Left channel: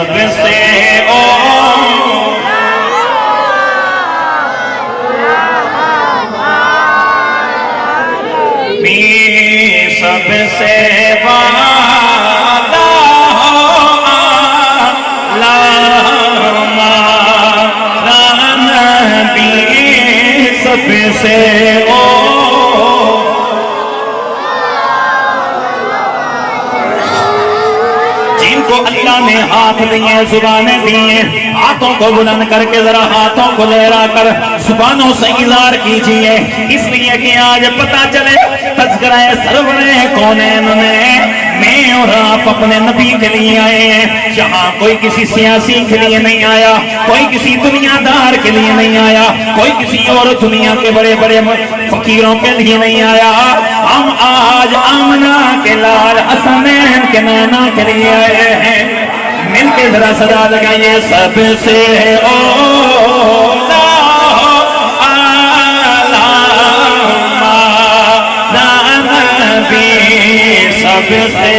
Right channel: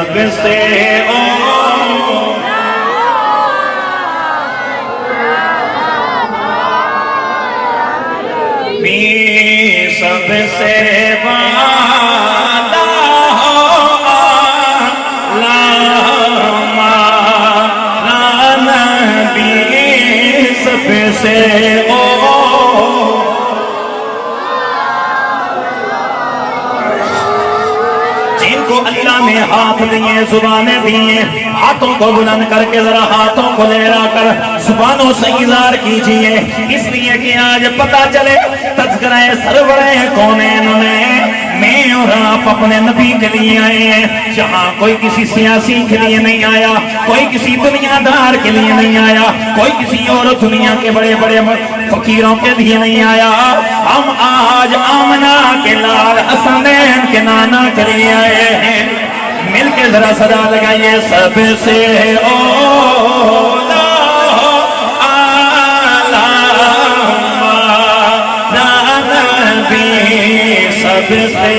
سب سے سب سے والا نبی سب سے جن کو اللہ نے ہاتھ دیے زبانیں دیے ہاتھوں کو بلند کر کے ذرا ہاتھوں کو لہرا کر زبانوں سے اظہار کیجئے اس لیے کہ آج پتہ چلے تذکرہ سرور کونین میں اور آپ اپنے نبی کے لیے آئے ہیں جہاں کوئی کسی سیاسی کے لیے نہیں آیا کوئی کسی دنیا دار کے لیے نہیں آیا کوئی کسی اور دنیا کے بڑے بڑے فقیروں کے لیے نہیں آیا ہم آج آمنہ کے لال حسنین کے نانا کے لیے آئے ہیں مل کے ذرا صدا لگائیے سب سے اولا نبی سب سے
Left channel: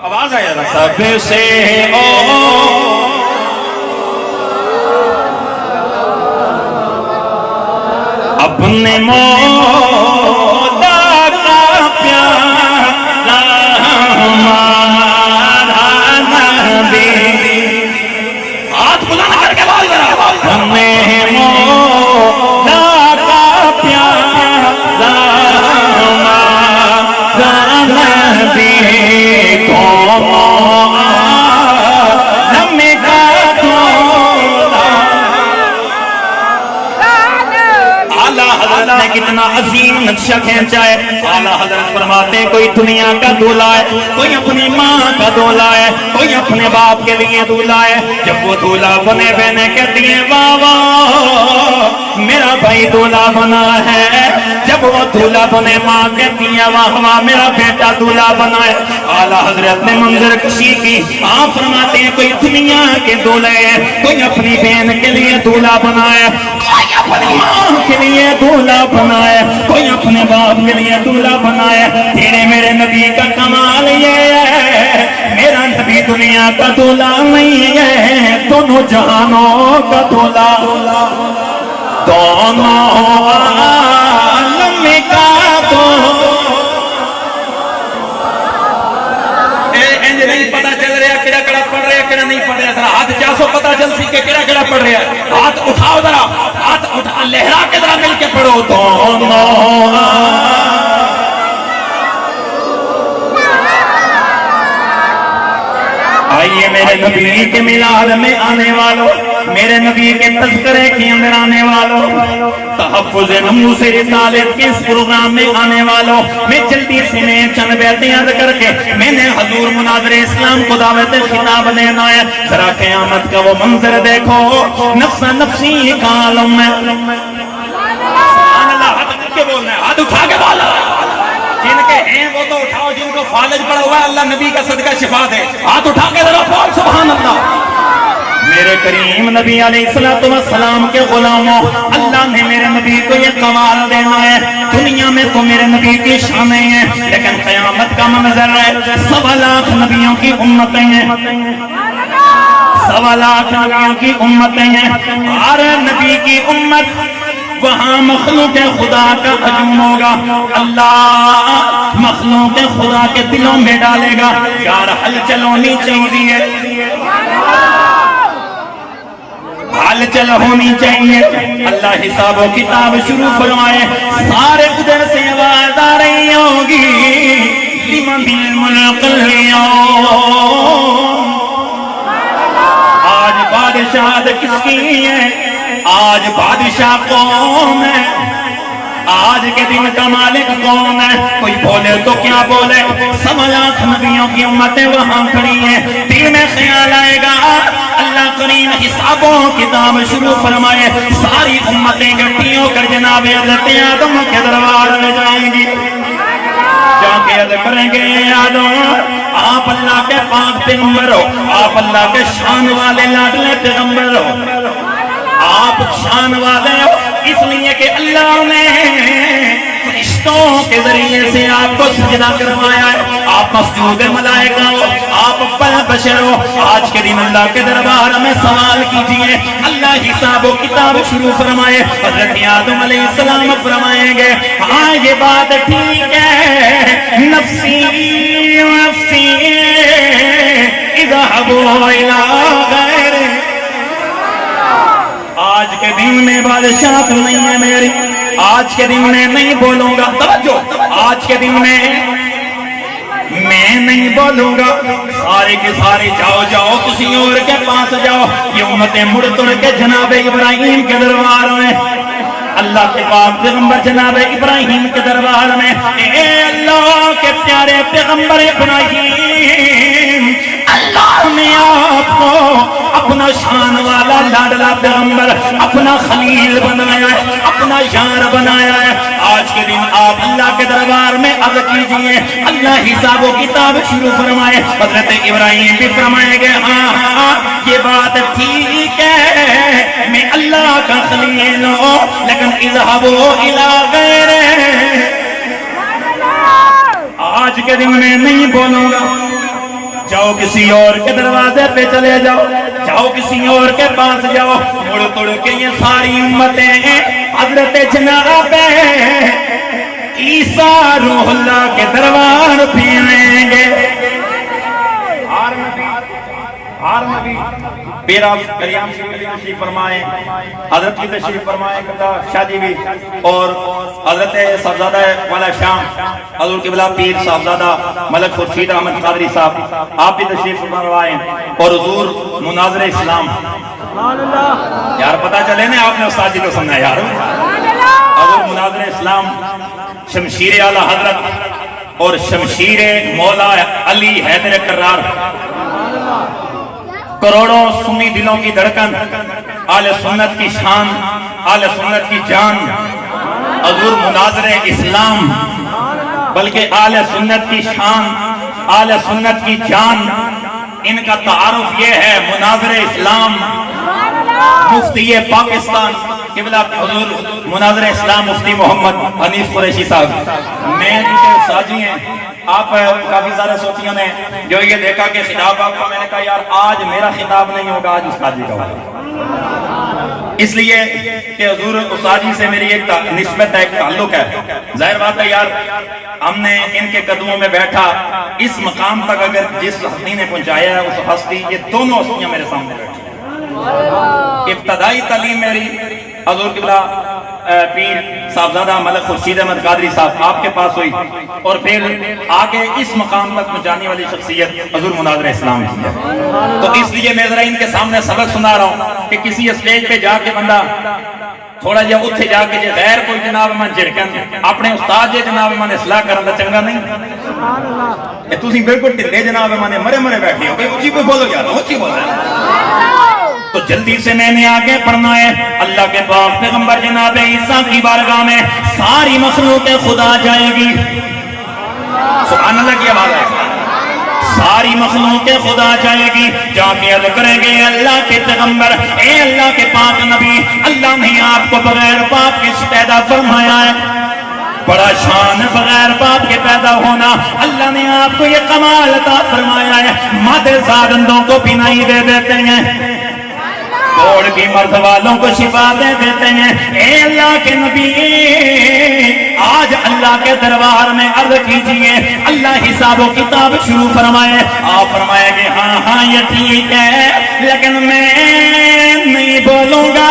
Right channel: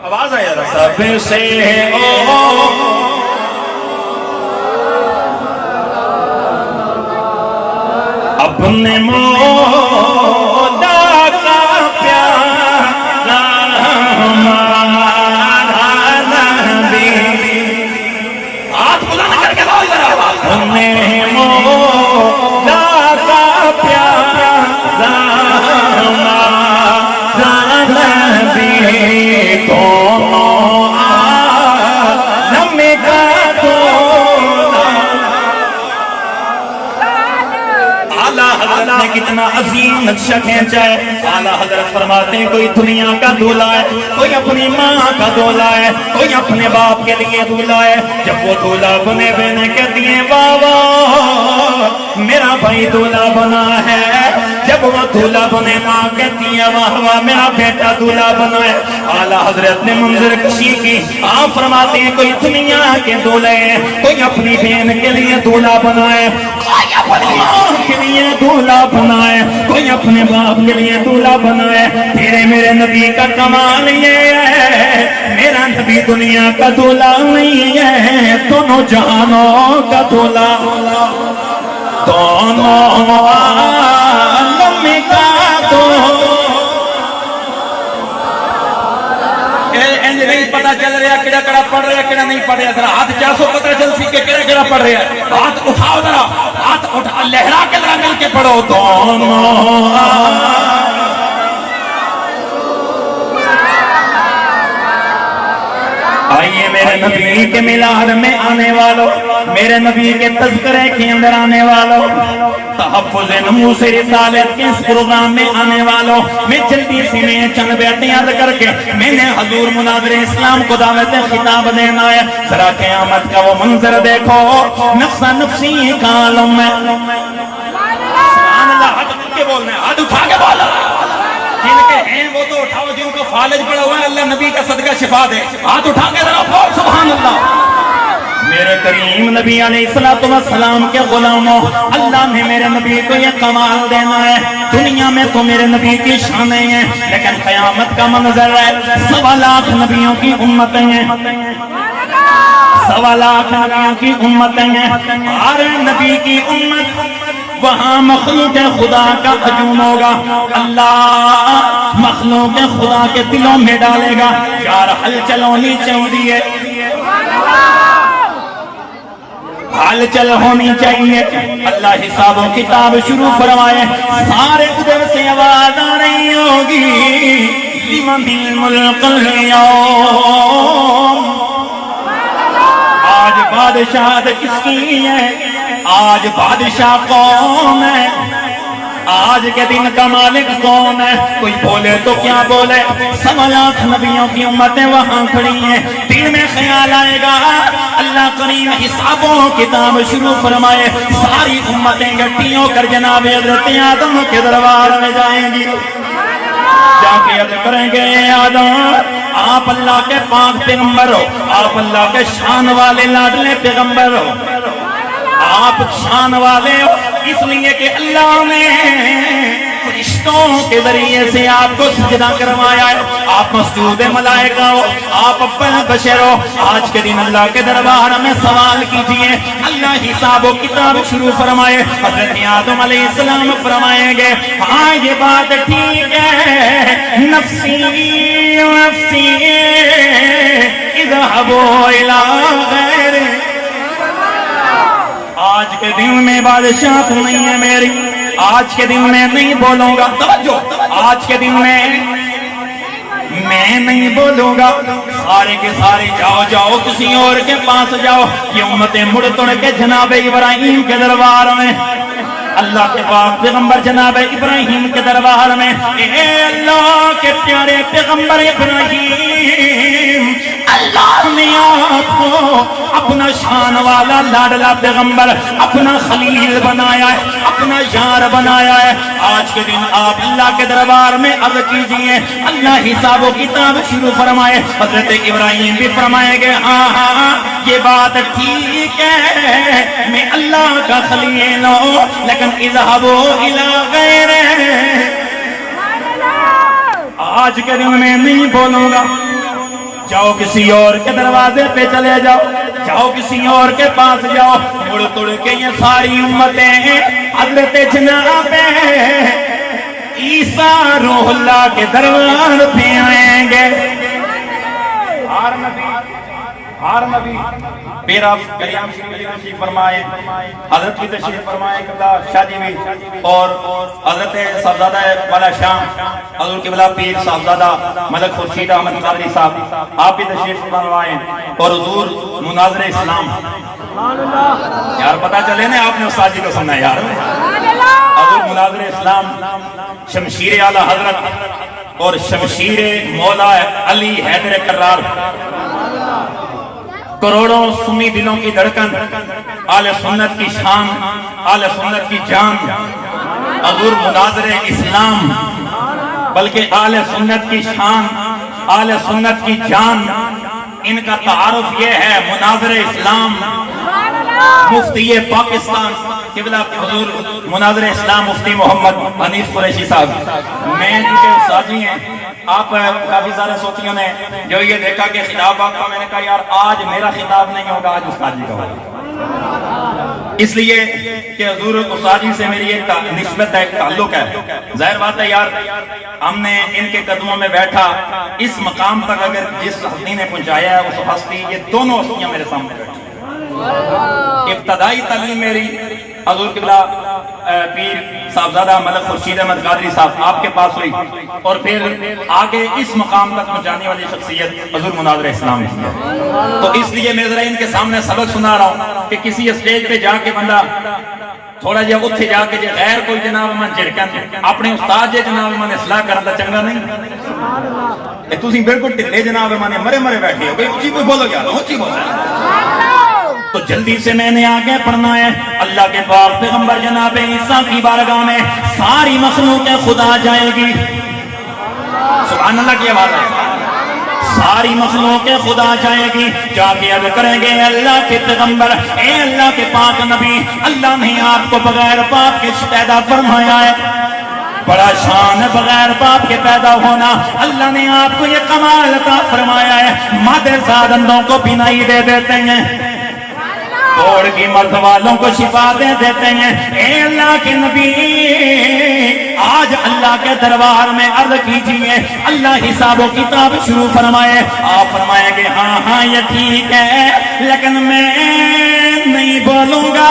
آواز آیا سب سے اپنے مولا کا پیارا ہمارا نبی ہاتھ بلند کر کے بول ذرا اپنے مولا کا پیارا ہمارا نبی حضرت نے کتنا عظیم نقشہ کھینچا ہے اعلیٰ حضرت فرماتے ہیں کوئی دنیا کا دولہا ہے کوئی اپنی ماں کا دولہا ہے کوئی اپنے باپ کے لیے دولہا ہے جب وہ دولہا بنے بہنے کہتی ہیں واہ واہ میرا بھائی دولہا بنا ہے جب وہ دولہا بنے ماں کہتی ہیں واہ واہ میرا بیٹا دولہا بنا ہے اعلیٰ حضرت نے منظر کشی کی آپ فرماتے ہیں کوئی دنیا کے دولہے ہیں کوئی اپنی بہن کے لیے دولہا بنا ہے کوئی اپنی ماں کے لیے دولہا بنا ہے کوئی اپنے باپ کے لیے دولہا بنا ہے تیرے میرے نبی کا کمال یہ ہے میرا نبی دنیا کا دولہا نہیں ہے دونوں جہانوں کا دولہا دونوں عالم کا نہیں پتا چل رہا کیڑا کیڑا پڑھ رہا کیڑا نہیں پڑھ رہا ذرا ہاتھ 400 پتا چل سی کہ کیڑا کیڑا پڑھ رہا ہاتھ اٹھاؤ ذرا ہاتھ اٹھا لہرا کے ذرا مل کے پڑھو دونوں آئیے میرے نبی کے میلاد میں آنے والوں میرے نبی کے تذکرے کے اندر آنے والوں تحفظ نموس رسالت کے اس پروگرام میں آنے والوں میں جلدی سے میں چند بیعتیں یاد کر کے میں نے حضور مناظر اسلام کو دعوت خطاب دینا ہے ذرا قیامت کا وہ منظر دیکھو نفسا نفسی کا عالم میں سبحان اللہ ہاتھ کے بولنا ہے ہاتھ اٹھا کے بولا جن کے ہیں وہ تو اٹھاؤ جن کو فالج پڑا ہوا ہے اللہ نبی کا صدقہ شفا دے ہاتھ اٹھا کے ذرا بول سبحان اللہ میرے کریم نبی علیہ السلام کے غلاموں اللہ نے میرے نبی کو یہ کمال دینا ہے دنیا میں تو میرے نبی کی شانیں ہیں لیکن قیامت کا منظر ہے 1.25 لاکھ نبیوں کی امتیں ہیں 1.25 لاکھ نبیوں کی امتیں ہیں ہر نبی کی امت وہاں مخلوق خدا کا ہجوم ہوگا اللہ مخلوق خدا کے دلوں میں ڈالے گا یار ہلچل ہونی چاہیے ہلچل ہونی چاہیے اللہ حساب و کتاب شروع فرمائے سارے ادھر سے آواز آ رہی ہوگی لمن الملک اليوم آج بادشاہت کس کی ہے آج بادشاہ کون ہے آج کے دن کا مالک کون ہے کوئی بولے تو کیا بولے 1.25 لاکھ نبیوں کی امتیں وہاں کھڑی ہیں دل میں خیال آئے گا اللہ کریم حساب و کتاب شروع فرمائے ساری امتیں اکٹھی ہو کر جناب حضرت آدم کے دربار میں جائیں گی جا کے عرض کریں گے آدم آپ اللہ کے پاک پیغمبر ہو آپ اللہ کے شان والے لاڈلے پیغمبر ہو آپ شان والے ہو اس لیے کہ اللہ نے فرشتوں کے ذریعے سے آپ کو سجدہ کروایا ہے، آپ مسجود ملائکہ ہو، آپ اول بشر ہو۔ آج کے دن اللہ کے دربار میں سوال کیجئے، اللہ حساب و کتاب شروع فرمائے۔ حضرت آدم علیہ السلام فرمائیں گے ہاں یہ بات ٹھیک ہے، نفسی نفسی اذهبوا الى غیر۔ آج کے دن میں بادشاہت نہیں ہے میری، آج کے دن میں نہیں بولوں گا، توجہ، آج کے دن میں نہیں بولوں گا، سارے کے سارے جاؤ جاؤ کسی اور کے پاس جاؤ۔ یہ امتیں مڑ توڑ کے جناب ابراہیم کے دربار میں، اللہ کے پاک پیغمبر جناب ابراہیم کے دربار میں، اے اللہ کے پیارے پیغمبر ابراہیم، اللہ نے آپ کو اپنا شان والا لاڈلا پیغمبر، اپنا خلیل بنایا ہے، اپنا یار بنایا ہے۔ آج کے دن آپ اللہ کے دربار میں عرض کیجئے، اللہ حساب و کتاب شروع فرمائے۔ حضرت ابراہیم بھی فرمائیں گے ہاں ہاں یہ بات ٹھیک ہے، میں اللہ کا خلیل ہوں، لیکن اذهبوا الى غیرہ، آج کے دن میں نہیں بولوں گا، جاؤ کسی اور کے دروازے پہ چلے جاؤ، جاؤ کسی اور کے پاس جاؤ۔ مڑ توڑ کے یہ ساری امتیں حضرت جناب عیسیٰ روح اللہ کے دربار پہ آئیں گے۔ ہر نبی میرا کریم تشریف فرمائے، حضرت کی تشریف فرمائے قبلہ شاہ جی بھی، اور حضرت صاحبزادہ والا شام حضور قبلہ پیر صاحبزادہ ملک خورشید احمد قادری صاحب آپ بھی تشریف فرمائے، اور حضور مناظر اسلام، یار پتہ چلے نا آپ نے استاد جی کو سننا یار، حضور مناظر اسلام شمشیر اعلیٰ حضرت اور شمشیر مولا علی حیدر کرار، کروڑوں سنی دلوں کی دھڑکن، آل سنت کی شان، آل سنت کی جان، حضور مناظر اسلام، بلکہ آل سنت کی شان، آل سنت کی جان، ان کا تعارف یہ ہے مناظر اسلام، مفتی پاکستان قبلہ حضور مناظر اسلام مفتی محمد حنیف قریشی صاحب۔ میں جسے استاد جی ہیں، آپ کافی سارے ساتھیوں نے جو یہ دیکھا کہ خطاب آپ کا، میں نے کہا یار آج میرا خطاب نہیں ہوگا، آج استاد جی کا ہوگا، اس لیے کہ حضور استاد جی سے میری ایک نسبت ہے، ایک تعلق ہے۔ ظاہر بات ہے یار ہم نے ان کے قدموں میں بیٹھا، اس مقام تک اگر جس ہستی نے پہنچایا ہے اس ہستی، یہ دونوں ہستیاں میرے سامنے بیٹھی۔ ابتدائی تعلیم میری حضور قبلہ پیر صاحبزادہ ملک خورشید احمد قادری صاحب آپ کے پاس ہوئی، اور پھر آگے اس مقام تک پہنچانے والی شخصیت حضور مناظر اسلام کی ہے۔ تو اس لیے میں ذرا ان کے سامنے سبق سنا رہا ہوں کہ کسی اسٹیج پہ جا کے بندہ تھوڑا جہا اتھے جا کے جے غیر کوئی جناب من جھڑکن اپنے استاد جے جناب من اصلاح کرن دا چنگا نہیں کہ تسی بالکل ٹھلے جناب من مرے مرے بیٹھے ہو، بھئی اونچی کوئی بولو یار، اونچی بولو۔ تو جلدی سے میں نے آگے پڑھنا ہے، اللہ کے پاک پیغمبر جناب عیسیٰ کی بارگاہ میں ساری مخلوق خدا جائے گی، سبحان اللہ کی آواز ہے، ساری مخلوق خدا جائے گی، جا کے عرض کریں گے اللہ کے پیغمبر، اے اللہ کے پاک نبی، اللہ نے آپ کو بغیر باپ کے پیدا فرمایا ہے، بڑا شان بغیر باپ کے پیدا ہونا، اللہ نے آپ کو یہ کمال عطا فرمایا ہے، مادر زادندوں کو بینائی دے دیتے ہیں، کوڑ کی مرض والوں کو شفا دے دیتے ہیں، اے اللہ کے نبی آج اللہ کے دربار میں عرض کیجئے، اللہ حساب و کتاب شروع فرمائے، آپ فرمائے گے ہاں ہاں یہ ٹھیک ہے، لیکن میں نہیں بولوں گا۔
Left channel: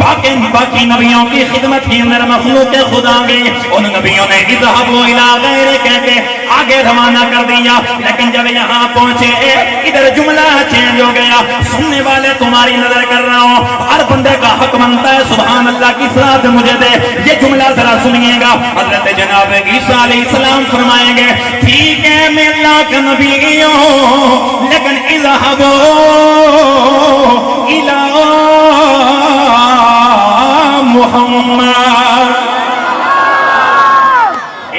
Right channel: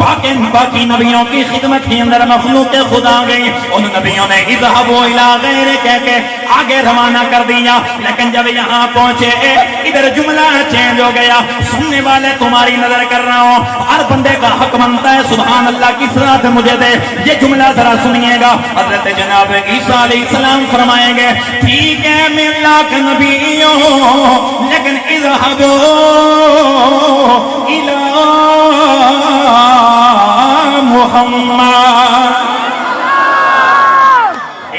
باقی نبیوں کی خدمت کے اندر مخلوق خدا گئی، ان نبیوں نے اذهبوا الى غیر کہہ کے آگے روانہ کر دیا، لیکن جب یہاں پہنچے ادھر جملہ چینج ہو گیا، سننے والے تمہاری نظر کر رہا ہوں، ہر بندے کا حق بنتا ہے سبحان اللہ کی صلاۃ مجھے دے، یہ جملہ ذرا سنیے گا، حضرت جناب عیسیٰ علیہ السلام فرمائیں گے ٹھیک ہے میں اللہ کا نبی ہوں، لیکن اذهبوا الى محمد،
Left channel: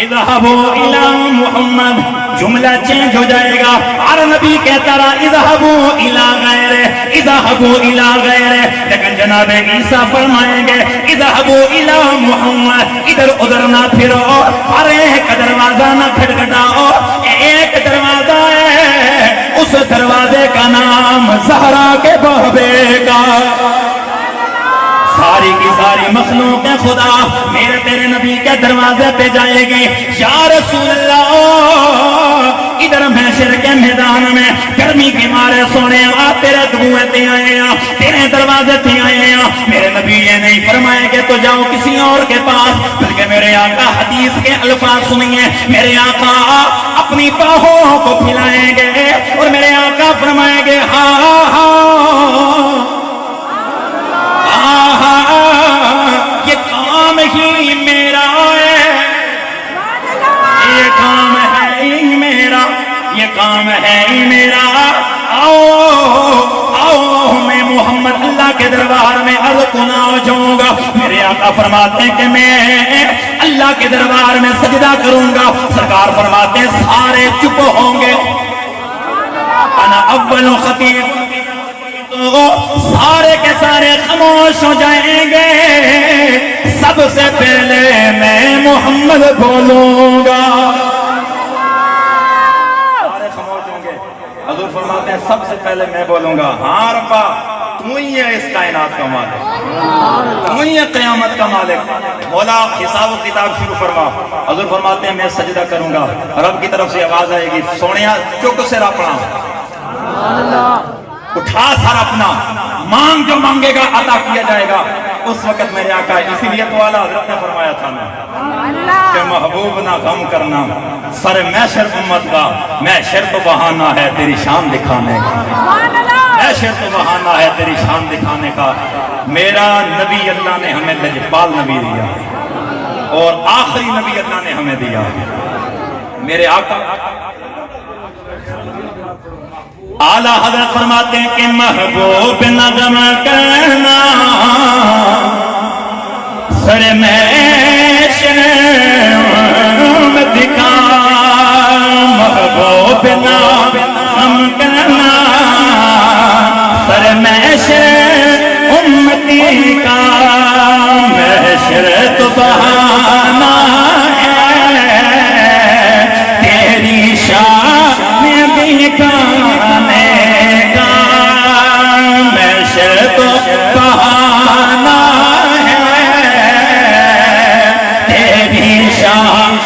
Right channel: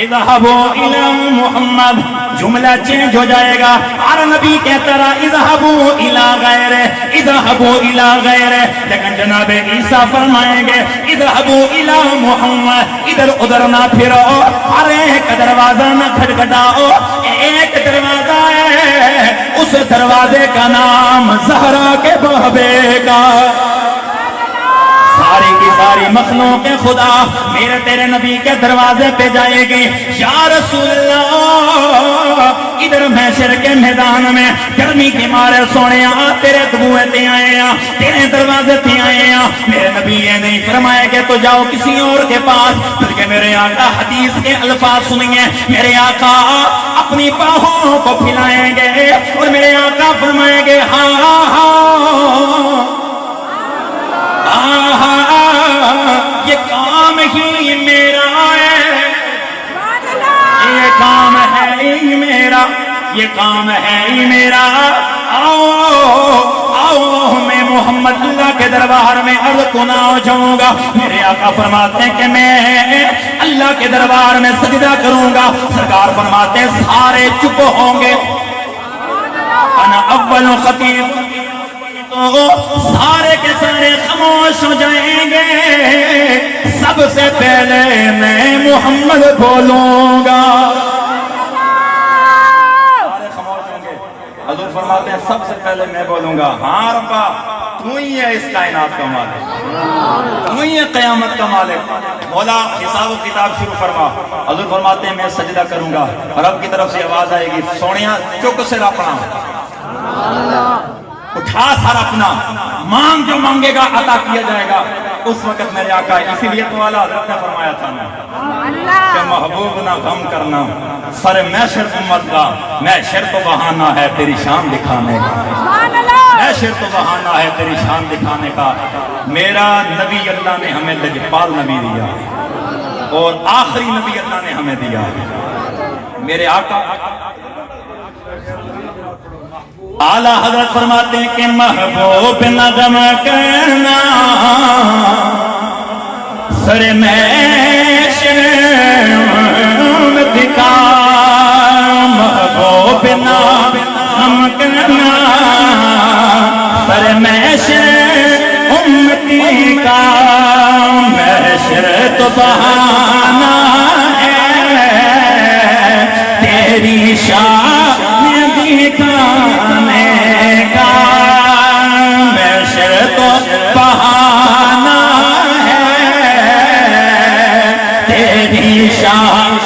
اذهبوا الى محمد، جملہ چینج ہو جائے گا. ہر نبی کہتا رہا اذهبوا الى غیرہ، اذهبوا الى غیرہ، لیکن جناب عیسیٰ فرمائیں گے اذهبوا الى محمد، ادھر ادھر نہ پھرو، ہر ایک دروازہ نہ کھٹکھٹاؤ، ایک دروازہ ہے، اس دروازے کا نام زہرا کے بابے کا. ساری کی ساری مخلوق خدا میرے تیرے نبی کے دروازے پہ جائے گی. یا رسول اللہ، ادھر محشر کے میدان میں گرمی کی مارے سونے تیرے دبوئے تے آئے ہیں، تیرے دروازے تے آئے ہیں. میرے نبی یہ نہیں فرمائے کہ تو جاؤ کسی اور کے پاس، بلکہ میرے آقا حدیث کے الفاظ سنیے. میرے آقا اپنی باہوں کو پھیلائیں گے اور میرے آقا فرمائیں گے ہاں یہ کام ہی میرا ہے، یہ کام ہے ہی میرا، یہ کام ہے ہی میرا. آؤ آؤ میں محمد اللہ کے دربار میں عرض کنا ہو جاؤں گا. میرے آقا فرماتے ہیں کہ میں اللہ کے دربار میں سجدہ کروں گا. سرکار فرماتے ہیں سارے چپ ہوں گے. انا اول خطیب، سارے کے سارے خاموش ہو جائیں گے. سب سے پہلے میں محمد بولوں گا. سارے خاموش ہوں گے. حضور فرماتے ہیں سب سے پہلے میں بولوں گا ہاں ربا تو ہی ہے اس کائنات کا مالک، تو ہی ہے قیامت کا مالک. مولا حساب و کتاب شروع فرما. حضور فرماتے ہیں میں سجدہ کروں گا. رب کی طرف سے آواز آئے گی سونیا چک سے اپنا اٹھا سر اپنا، مانگ جو مانگے گا عطا کیا جائے گا. اس وقت میرے آقا اسی لیے تو اعلیٰ حضرت نے فرمایا تھا کہ محبوب نہ غم کرنا سر محشر امت کا، محشر تو بہانہ ہے تیری شان دکھانے کا، محشر تو بہانہ ہے تیری شان دکھانے کا. میرا نبی اللہ نے ہمیں لجپال نبی دیا اور آخری نبی اللہ نے ہمیں دیا. میرے آقا اعلیٰ حضرت فرماتے ہیں کہ محبوب نظم کرنا سر محشر امت کا، محبوب نظم کرنا سر محشر امتی کا. محشر تو بہانہ ہے تیری شان دکھانے کا، محشر تو بہانہ ہے تیری شان،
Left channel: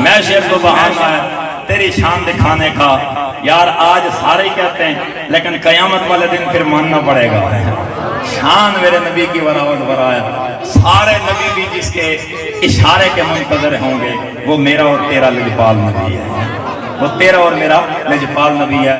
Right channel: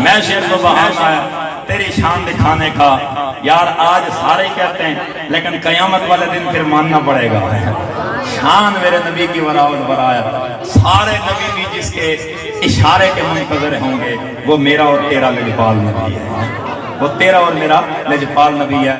محشر تو بہانہ ہے تیری شان دکھانے کا. یار آج سارے کہتے ہیں لیکن قیامت والے دن پھر ماننا پڑے گا. شان میرے نبی کی وراء برایا. سارے نبی بھی جس کے اشارے کے منتظر ہوں گے وہ میرا اور تیرا لجپال نبی ہے، وہ تیرا اور میرا لجپال نبی ہے.